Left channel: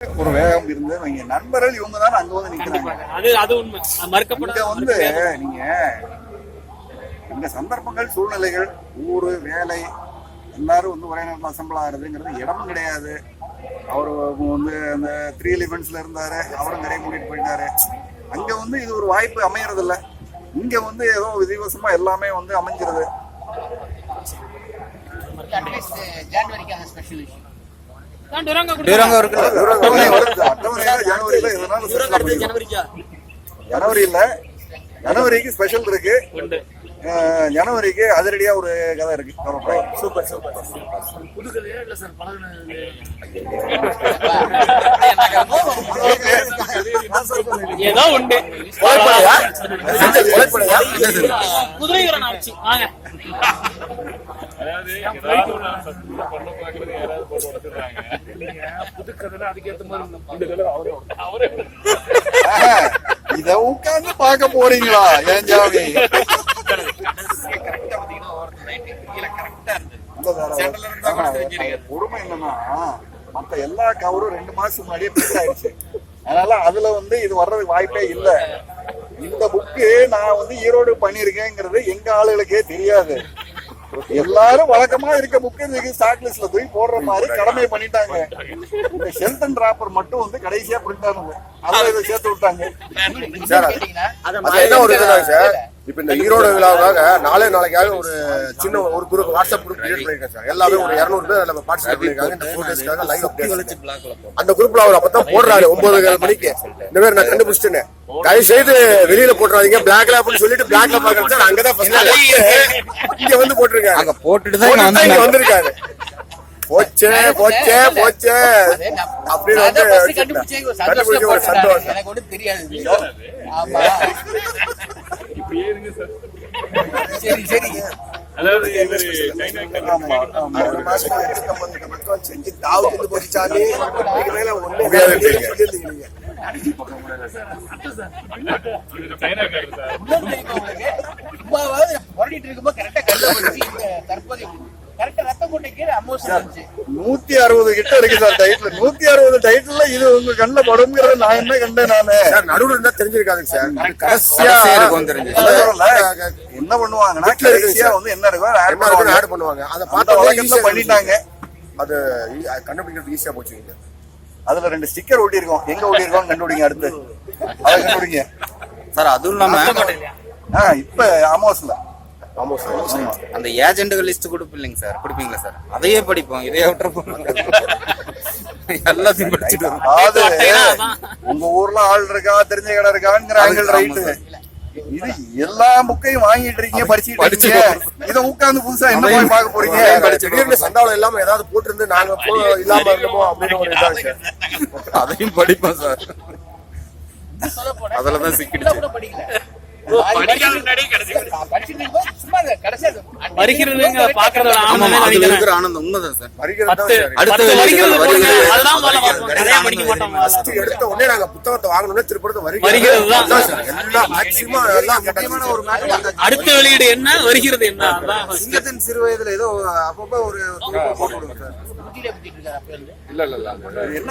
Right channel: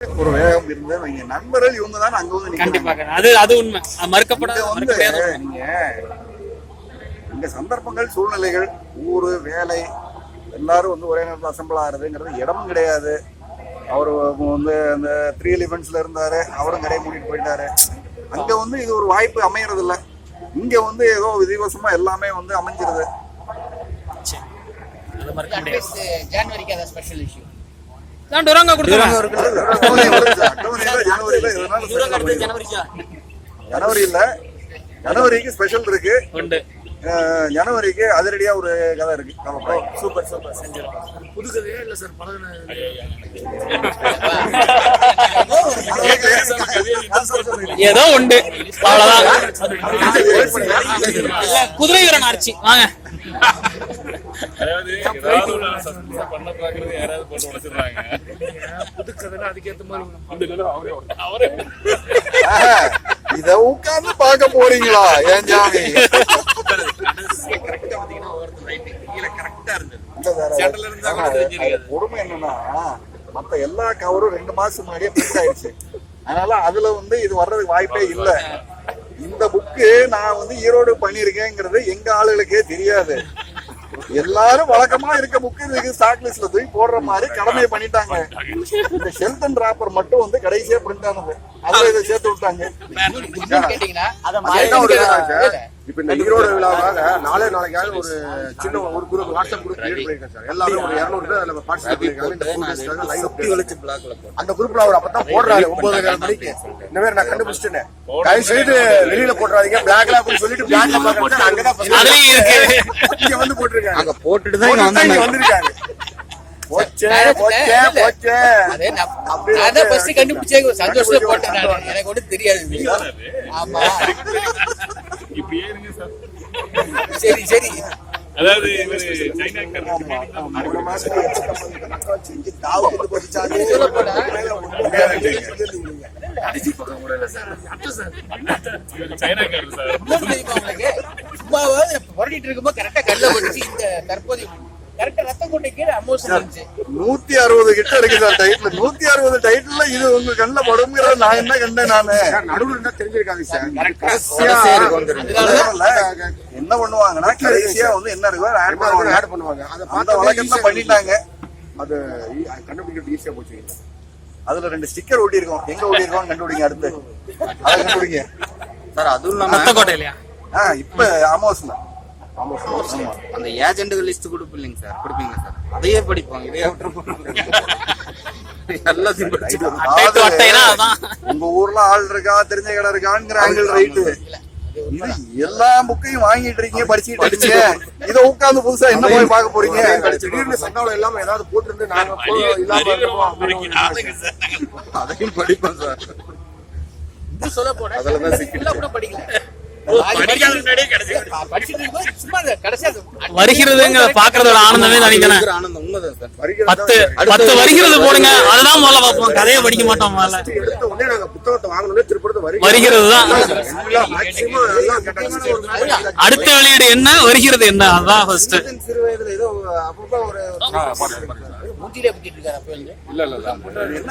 ஒரு வேகம் இருந்து நீங்க நண்பர்கள் இவங்க தான் அங்க வந்து நிக்கிறாங்க. அது உண்மை, மறுக்கப்படாத. வந்து நீங்க இங்க சந்தர்ப்பங்கள், சூழ்நிலைகள், ஊரு, வேலை எல்லாரும் வந்து ஒரே நேரத்தில் அசம்பிள் ஆகுறதுங்கிறது இடமும் கிடையாது. அவரு வந்து அந்த 3 எலிமெண்ட்ஸ்ல இருந்தாரு, அவரும் கடையை மூடிட்டு போயிட்டாரு. அங்க வந்து இது ஒரு வாய்ப்பு அமையறது இல்ல. இங்க வந்து ஏதோ விதிவசமா எல்லாமே வந்து அமைஞ்சிருது. ஜனவரிக்கு ஸ்பெஷல் இருக்கு. ஜனவரிக்கு அதிரடியா ஒரு கதை இருக்கு. Super super. புது கதையா இல்ல சார்? ஏதோ உண்டு. குதிரை வீரன் ஆர்ச்சி வாங்க. இத உட்கார்ந்து பாக்க போறீங்களா? ஏன் ஜாமி கொடுமை என்னன்னா, மத்த எல்லா கவரும் 2 மாசம் முன்னாடியே பிரிண்ட் ஆயிடுச்சு. அதனால அதுல வந்து இது வர்றதுக்கு வாய்ப்பே இல்ல. இந்த புக்கு நான் வந்து ஈரோடு பண்ணிருக்கேங்கிறது எங்க ஆளுகளுக்கே தெரியாது. எல்லாரும் வழக்கமா இருக்க புக்கு இதுக்கு ஸ்டாக் லிஸ்ட்ல தூக்கி போடுற மாதிரி கடமையை பண்ணிட்டாங்க. இந்த ஷெல்டன் டிராப்பர் மட்டும் வந்து கடைசியா பிரிண்ட் ஆனது, அதுல இதை சேர்த்து விட்டாங்க. இப்ப இந்த ஈரோடு விழாவுக்காக நாளைக்காக ஒரு சின்ன ஒரு குரூப் வாட்ஸ்அப் குரூப் கிரியேட் பண்ணிருக்கேன் சார். எல்லாரும் 200 பேர் அதுல பார்ட்டிசிபேட் பண்ணிருக்காங்க. அந்த குரூப்ல அவர் அப்பதான் போடுறாரு 9 மணிக்கு. இந்த மாதிரி நான் கண்டுபிடிச்சிட்டேன், கை செய்து வெளியில போட்டுறாதீங்க பிளாக்ல அப்படின்னு சொல்லிட்டு பிளாக்ல பாக்குறேன். அங்கதான் இங்க வந்து போட்டிருக்காங்க. அங்க போட்டுட்டு தான் வந்திருக்காரு. போச்சே போச்சே போச்சே எனக்கு ஒன்றும் தெரியாது. ஆமா சரி சரி. அதாவது செஞ்சு தாவத்து போச்சாலே புரட்டிட்டு இருக்கும்போது கரெக்டா கல்ல போச்சு. இந்த தற்போதைய கரெக்டா ரத்தம் கொண்டை கீழே அமோஷன் இருந்துச்சு. 160 கிட்ட இருக்கு சார் டைட்டில். 160 டைட்டில்ல இது உங்க கண்ணுல படும்ங்கிறத நான் என்ன கண்டேன். நானு நடுவில் இருந்தா தெரிஞ்சிருக்காது சார். என்ன பண்ணுவாங்கன்னா கடைசியா வந்து என்ன இருக்கோ ஆட் பண்ணுவாங்க. அந்த வழக்கத்துல பண்ணிட்டாங்க. அது கண்டுபிடிக்கிறது ஈஸியா போச்சு. அதுல 2 ஸ்டிக்கர் ஒட்டி இருக்கோம். எங்க ஒட்டி இருக்கோம் கண்டுபிடிங்க. அடுத்து அதை கண்டுபிடிங்க சார். அதுவும் இல்லாம இப்ப ஆமோஸ்ல அந்த ஏஜென்ட்கள் லிஸ்ட் கொடுப்பீங்க சார், கொடுப்பீங்களா சார்? அதையே படிப்போம், இதையே விட்டுருப்போம். எல்லாத்தையும் படிச்சுட்டோம். உங்க ஊர்ல ஆள் இருக்கா, தெரிஞ்ச கடை இருக்காங்கிற ஆங்கிள் ரைட்டு. இது எல்லா புக்கையும் வாங்கிட்டு இருக்கீங்க, படிச்சுட்டு இருக்கீங்க. இதை உட்கார்ந்து புதுசா என்ன போய் பார்க்க போறீங்க? திடீர்னு சண்டாவில் இல்லாம ஏதாவது போட்டிருந்து நாங்க அதையும் படிப்போம் சார். அதுலதான் சிக்கிட்டு படிக்கல. வருகிறதுங்க பாக்குறதோட ஆனந்தமே தனித்தன ஆனந்தம். உண்மைதான் சார். 10 வருகிறது போடுங்க, அதுதான் முதல்ல பார்ப்போம். கதையை படிக்க மாட்டோம். எடுத்த உடனே நாங்க புத்தகத்தை வாங்கணும்னே திருப்பி வருகிறதுதான் அடுத்த வெளியீடு என்ன, வருகிறது என்ன, அதான் ஃபர்ஸ்ட். சிறு வயதுல ஏதோ அப்பப்போ ஒரு ஊட்டியிலே பண்ணிட்டு இருக்காரு. அப்ப இல்ல என்ன